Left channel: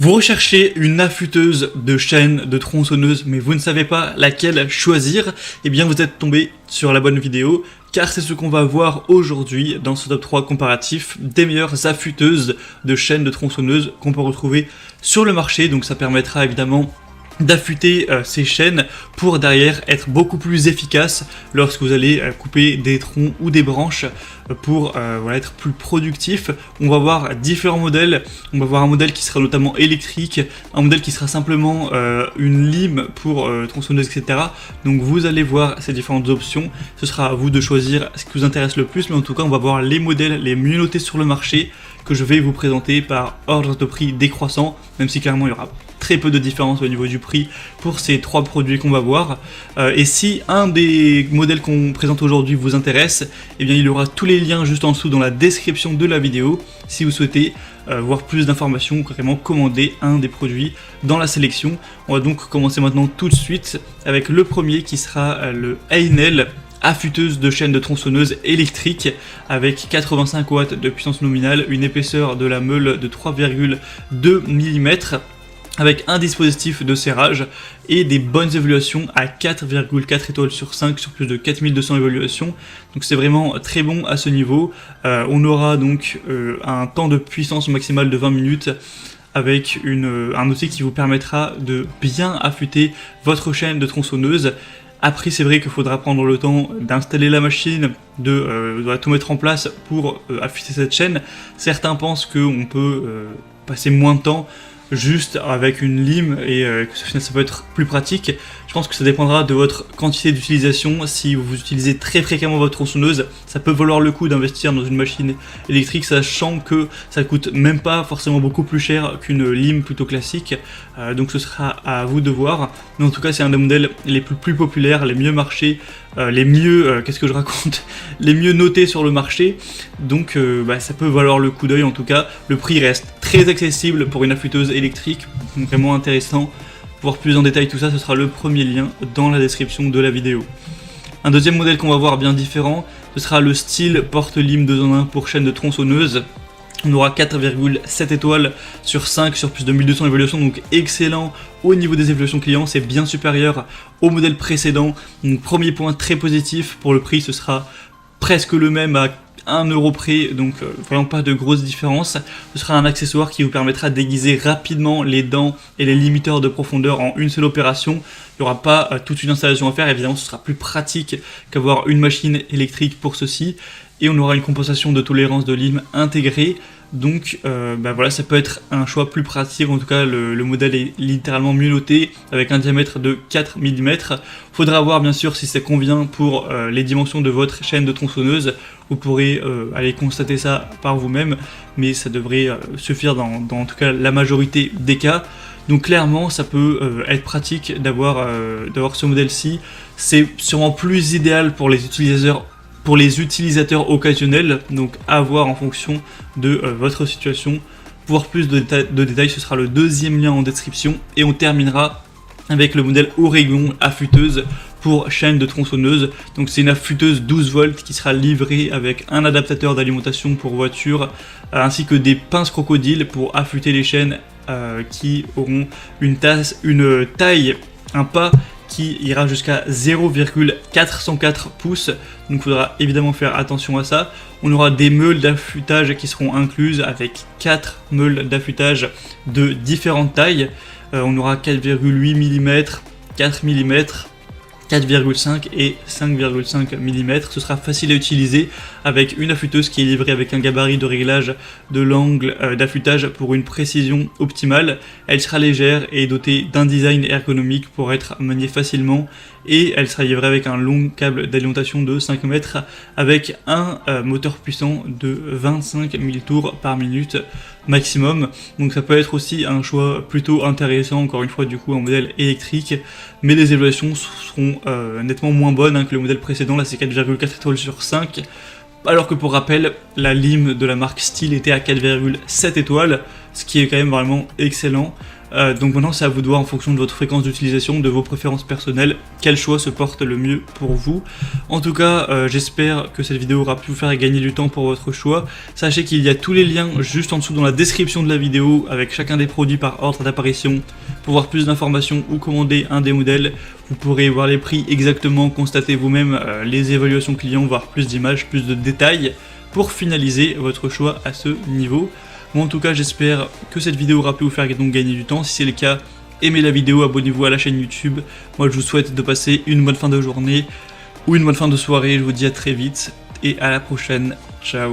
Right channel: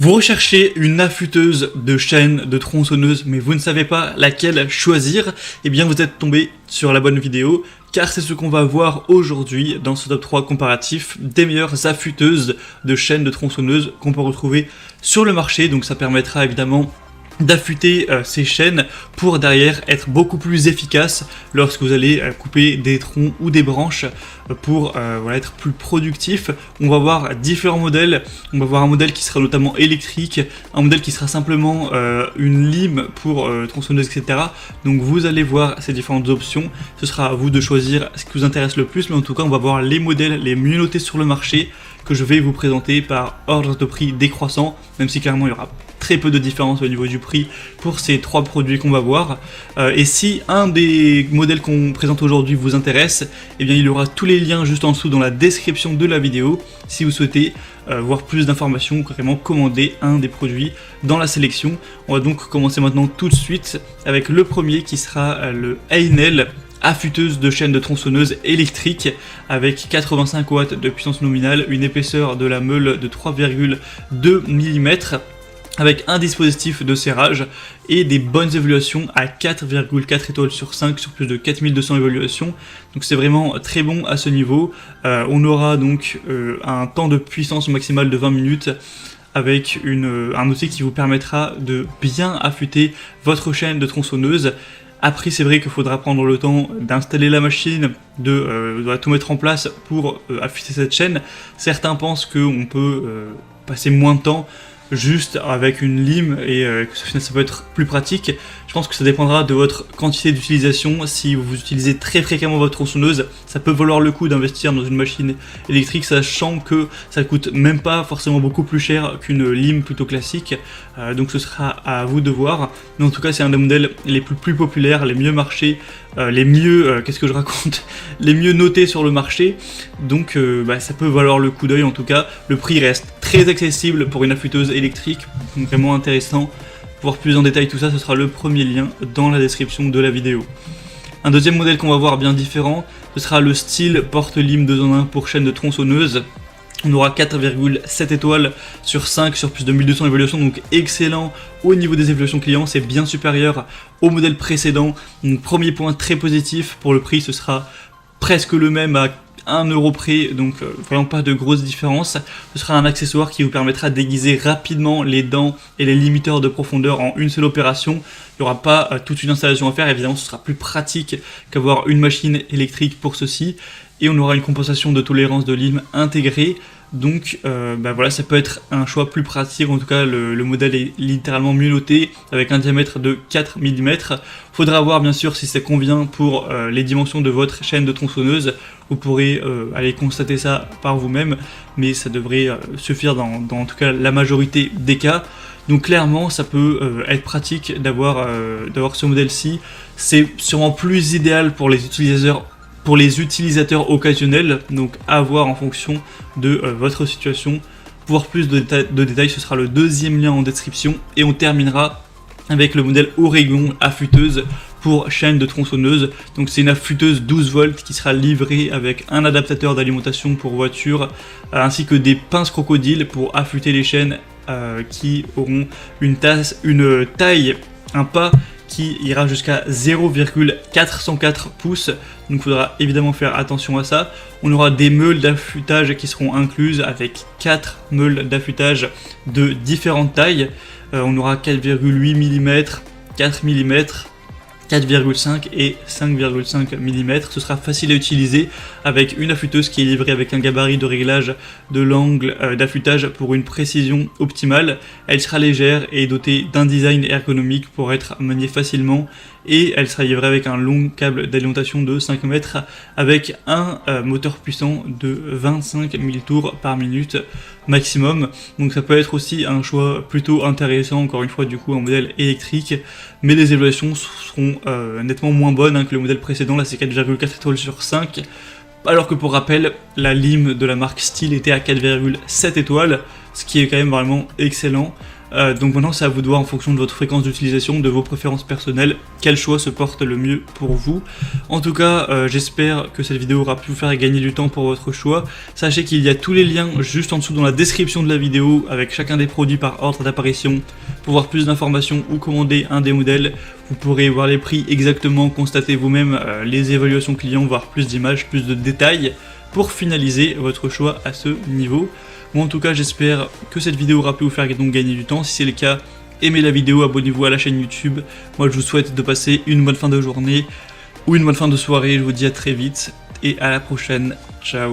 Vous recherchez une affûteuse de chaîne, de tronçonneuse, mais vous ne savez pas laquelle choisir, eh bien vous êtes tombé sur la bonne vidéo, car c'est ce qu'on va voir aujourd'hui dans ce top 3 comparatif des meilleures affûteuses de chaîne, de tronçonneuse qu'on peut retrouver sur le marché. Donc ça permettra évidemment d'affûter ces chaînes pour derrière être beaucoup plus efficace lorsque vous allez couper des troncs ou des branches pour être plus productif. On va voir différents modèles. On va voir un modèle qui sera notamment électrique, un modèle qui sera simplement une lime pour tronçonneuse, etc. Donc vous allez voir ces différentes options. Ce sera à vous de choisir ce qui vous intéresse le plus, mais en tout cas on va voir les modèles les mieux notés sur le marché que je vais vous présenter par ordre de prix décroissant, même si clairement il y aura très peu de différence au niveau du prix pour ces trois produits qu'on va voir. Et si un des modèles qu'on présente aujourd'hui vous intéresse, eh bien il y aura tous les liens juste en dessous dans la description de la vidéo si vous souhaitez voir plus d'informations ou carrément commander un des produits dans la sélection. On va donc commencer maintenant tout de suite avec le premier qui sera le Einel affûteuse de chaîne de tronçonneuse électrique avec 85 watts de puissance nominale, une épaisseur de la meule de 3,2 mm avec un dispositif de serrage et des bonnes évaluations à 4,4 étoiles sur 5 sur plus de 4200 évaluations. Donc c'est vraiment très bon à ce niveau. On aura donc un temps de puissance maximale de 20 minutes avec un outil qui vous permettra de bien affûter votre chaîne de tronçonneuse. Après, c'est vrai qu'il faudra prendre le temps d'installer la machine, de tout mettre en place pour affûter cette chaîne. Certains pensent qu'on peut passer moins de temps juste avec une lime et que ça peut être plus pratique. Je pense que ça dépendra de votre quantité d'utilisation. Si vous utilisez très fréquemment votre tronçonneuse, ça peut valoir le coup d'investir dans une machine électrique, sachant que ça coûte même pas forcément beaucoup plus cher qu'une lime plutôt classique. Donc ce sera à vous de voir. Mais en tout cas, c'est un des modèles les plus populaires, les mieux marchés, les mieux, les mieux notés sur le marché. Donc ça peut valoir le coup d'œil en tout cas. Le prix reste très accessible pour une affûteuse électrique, vraiment intéressant. Pour voir plus en détail tout ça, ce sera le premier lien dans la description de la vidéo. Un deuxième modèle qu'on va voir bien différent, ce sera le style porte-lime 2 en 1 pour chaîne de tronçonneuse. On aura 4,7 étoiles sur 5 sur plus de 1200 évaluations, donc excellent au niveau des évaluations clients, c'est bien supérieur au modèle précédent. Donc premier point très positif pour le prix, ce sera presque le même à 1 euro près, donc vraiment pas de grosse différence. Ce sera un accessoire qui vous permettra d'aiguiser rapidement les dents et les limiteurs de profondeur en une seule opération. Il n'y aura pas toute une installation à faire, évidemment ce sera plus pratique qu'avoir une machine électrique pour ceci. Et on aura une compensation de tolérance de lime intégrée. Donc ça peut être un choix plus pratique. En tout cas le modèle est littéralement mieux noté avec un diamètre de 4 mm. Faudra voir bien sûr si ça convient pour les dimensions de votre chaîne de tronçonneuse. Vous pourrez aller constater ça par vous-même, mais ça devrait suffire dans en tout cas la majorité des cas. Donc clairement ça peut être pratique d'avoir ce modèle-ci. C'est sûrement plus idéal pour les utilisateurs occasionnels, donc à voir en fonction de votre situation. Pour voir plus de détails, ce sera le deuxième lien en description. Et on terminera avec le modèle Oregon affûteuse pour chaîne de tronçonneuse. Donc c'est une affûteuse 12 volts qui sera livrée avec un adaptateur d'alimentation pour voiture, ainsi que des pinces crocodiles pour affûter les chaînes qui auront une taille, un pas qui ira jusqu'à 0,404 pouces. Donc il faudra évidemment faire attention à ça. On aura des meules d'affûtage qui seront incluses avec 4 meules d'affûtage de différentes tailles. On aura 4,8 mm, 4 mm, 4,5 et 5,5 mm. Ce sera facile à utiliser avec une affûteuse qui est livrée avec un gabarit de réglage de l'angle d'affûtage pour une précision optimale. Elle sera légère et dotée d'un design ergonomique pour être maniée facilement, et elle sera livrée avec un long câble d'alimentation de 5 mètres avec un moteur puissant de 25 000 tours par minute maximum. Donc ça peut être aussi un choix plutôt intéressant, encore une fois du coup un modèle électrique. Mais les évaluations seront nettement moins bonnes que le modèle précédent. Là c'est 4,4 étoiles sur 5, alors que pour rappel la lime de la marque Stihl était à 4,7 étoiles, ce qui est quand même vraiment excellent. Donc maintenant c'est à vous de voir en fonction de votre fréquence d'utilisation, de vos préférences personnelles, quel choix se porte le mieux pour vous. En tout cas, j'espère que cette vidéo aura pu vous faire gagner du temps pour votre choix. Sachez qu'il y a tous les liens juste en dessous dans la description de la vidéo avec chacun des produits par ordre d'apparition. Pour voir plus d'informations ou commander un des modèles, vous pourrez voir les prix exactement, constater vous-même les évaluations clients, voir plus d'images, plus de détails pour finaliser votre choix à ce niveau. Moi en tout cas j'espère que cette vidéo aura pu vous faire donc gagner du temps. Si c'est le cas, aimez la vidéo, abonnez-vous à la chaîne YouTube. Moi je vous souhaite de passer une bonne fin de journée ou une bonne fin de soirée. Je vous dis à très vite et à la prochaine. Ciao.